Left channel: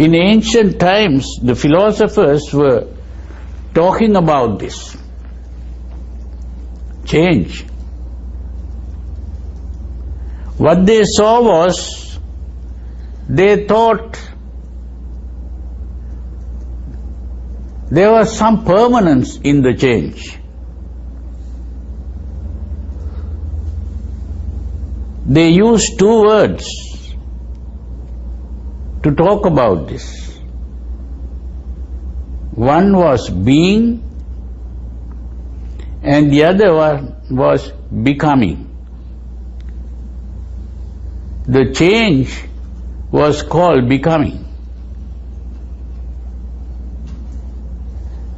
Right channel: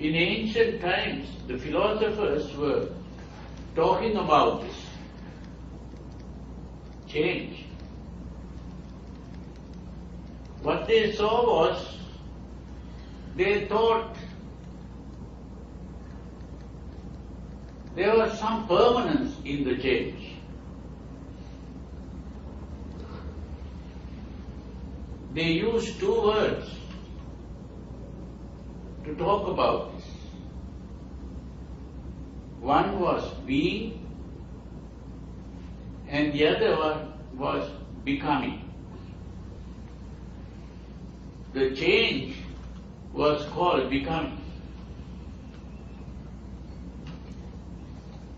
In ancient times, the philosophers were talking about this change. What they saw was, they thought there was some permanence in the change. They used two words to talk about this. One was being and the other one was becoming. The change was called becoming.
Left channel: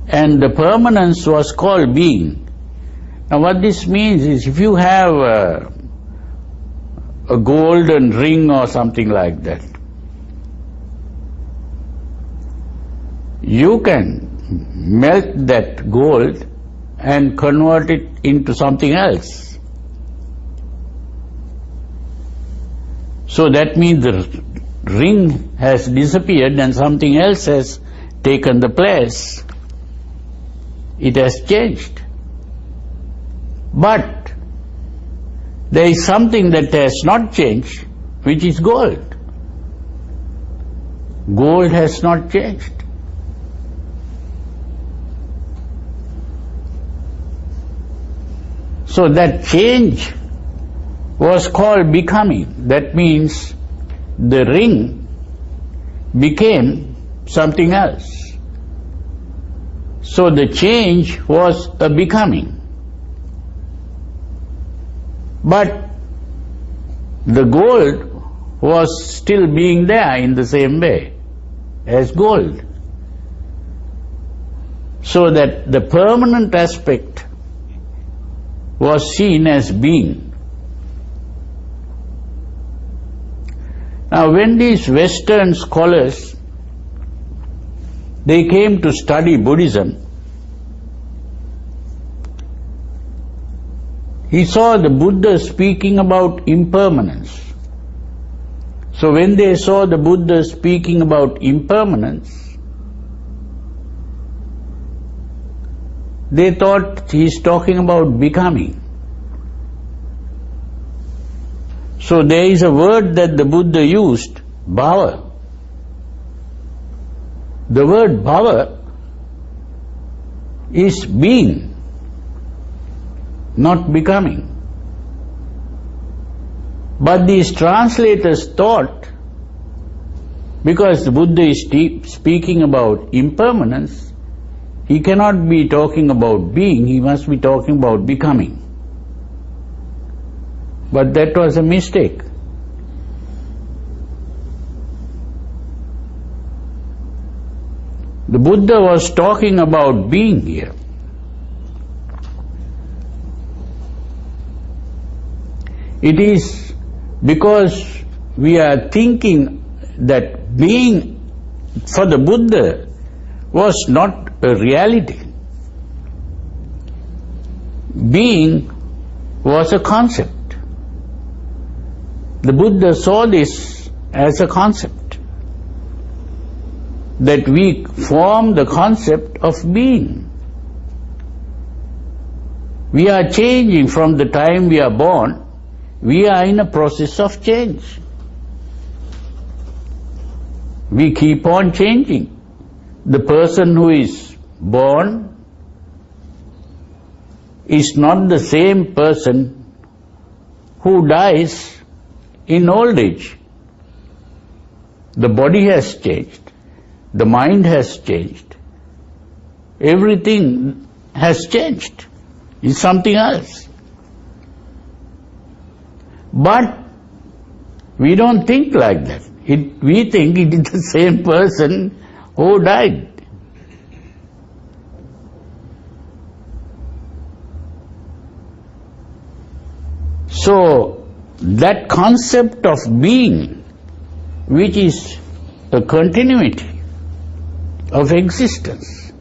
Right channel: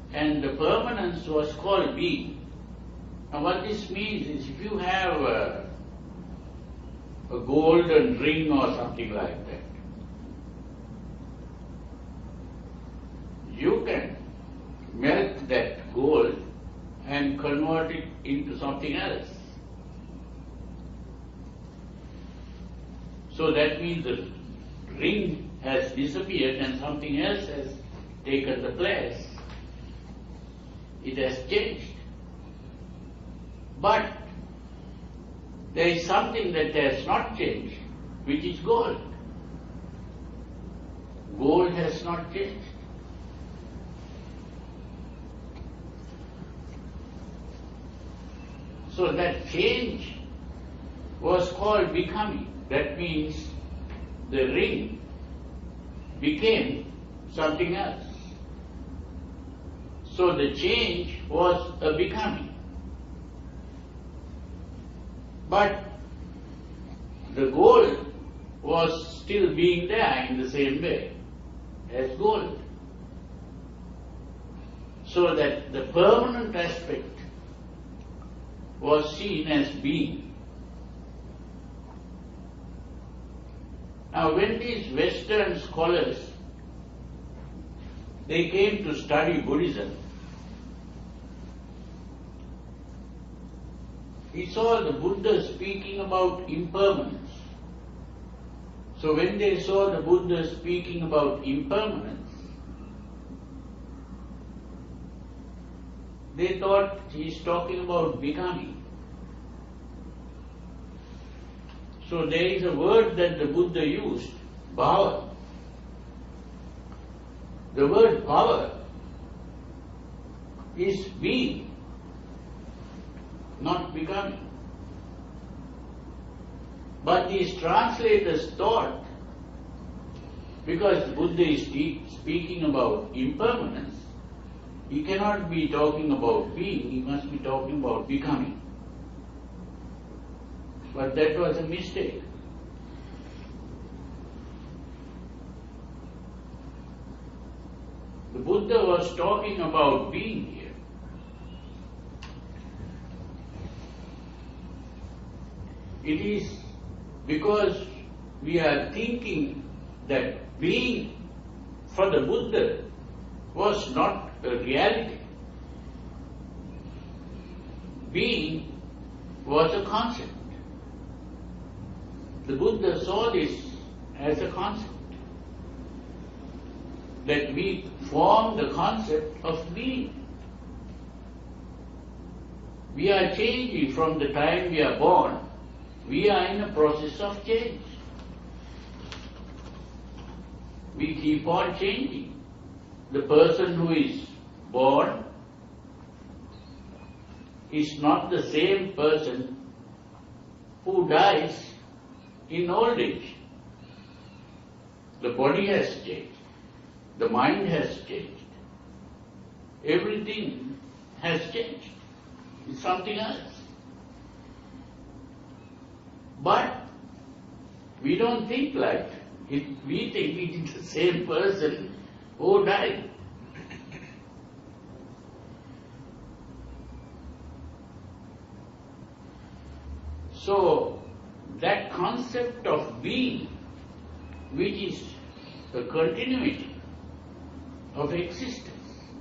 And the permanence was called being. Now what this means is, if you have a golden ring or something like that, you can melt that gold and convert it into something else. So that means the ring has disappeared and something else has taken the place. It has changed. But there is something that has not changed, which is gold. Gold has not changed. So that change was called becoming. That means the ring became something else. So the change was a becoming. But the gold was still being there in the same way as gold. So that the permanent aspect was seen as being. Now when these Western scholars, they came to study Buddhism, he saw the Buddha speaking about impermanence. So when they saw the Buddha speaking about impermanence, they thought he's talking about becoming. So there is a word that the Buddha used, bhava. The word bhava is being, not becoming. But these translators thought, because the Buddha is speaking about impermanence, he cannot be talking about being, he must be talking about becoming. But that was a mistake. The Buddha was talking about being here. It is because we are thinking that being for the Buddha was not a reality. Being was a concept. The Buddha saw this as a concept, that we form the concept of being. We are changing from the time we are born. We are in a process of change. We keep on changing. The person who is born is not the same person who dies in old age. The body has changed. The mind has changed. Everything has changed. It's something else. But we don't think like that. We think it is the same person who died. So that concept of being, which is a continuity of existence,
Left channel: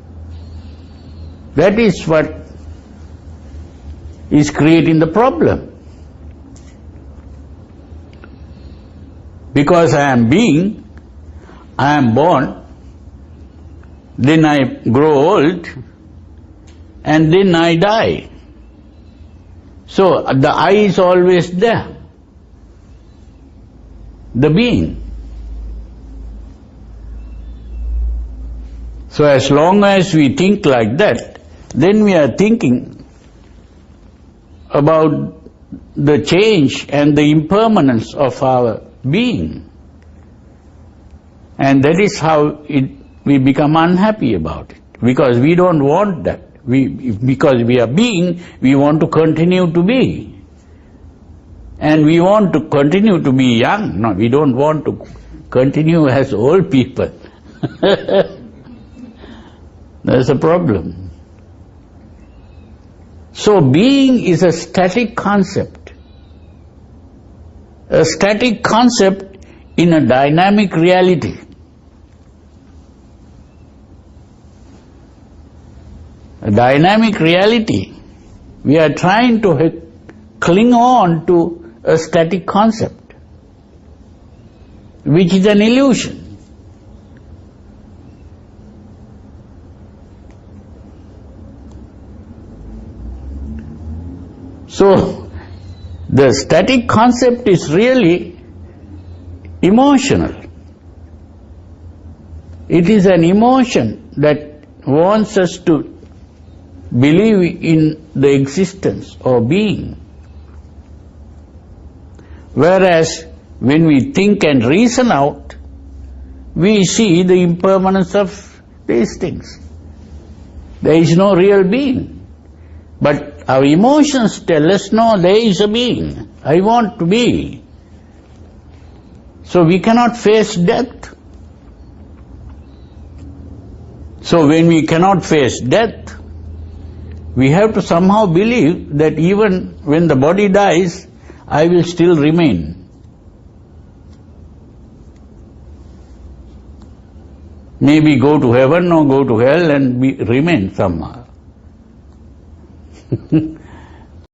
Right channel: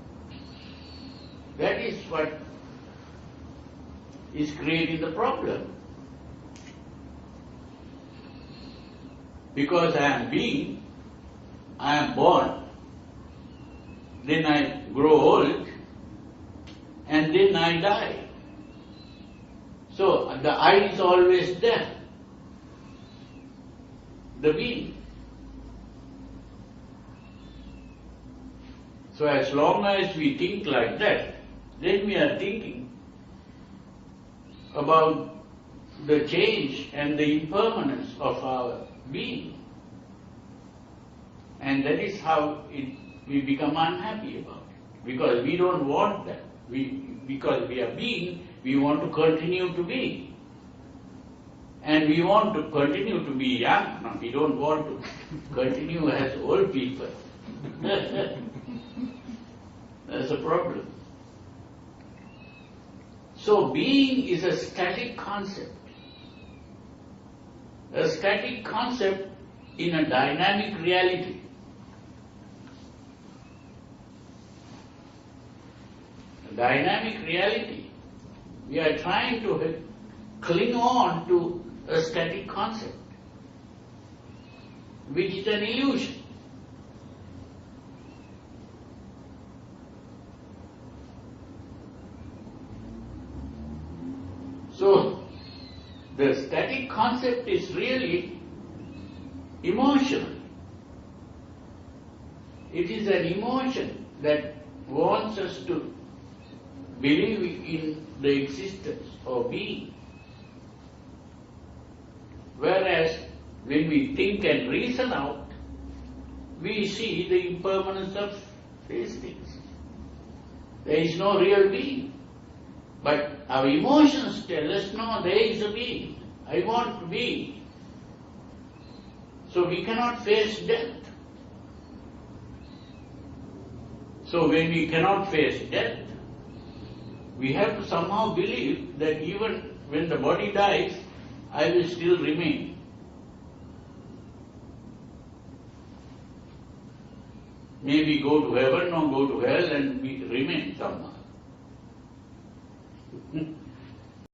that is what is creating the problem. Because I am being, I am born, then I grow old, and then I die. So the I is always there, the being. So as long as we think like that, then we are thinking about the change and the impermanence of our being. And that is how we become unhappy about it, because we don't want that. Because we are being, we want to continue to be. And we want to continue to be young. No, we don't want to continue as old people. That's a problem. So being is a static concept. A static concept in a dynamic reality. A dynamic reality. We are trying to cling on to a static concept, which is an illusion. So, the static concept is really emotional. It is an emotion that wants us to believe in the existence or being. Whereas when we think and reason out, we see the impermanence of these things. There is no real being. But our emotions tell us, no, there is a being. I want to be. So we cannot face death. So when we cannot face death, we have to somehow believe that even when the body dies, I will still remain. Maybe go to heaven or go to hell and remain somehow.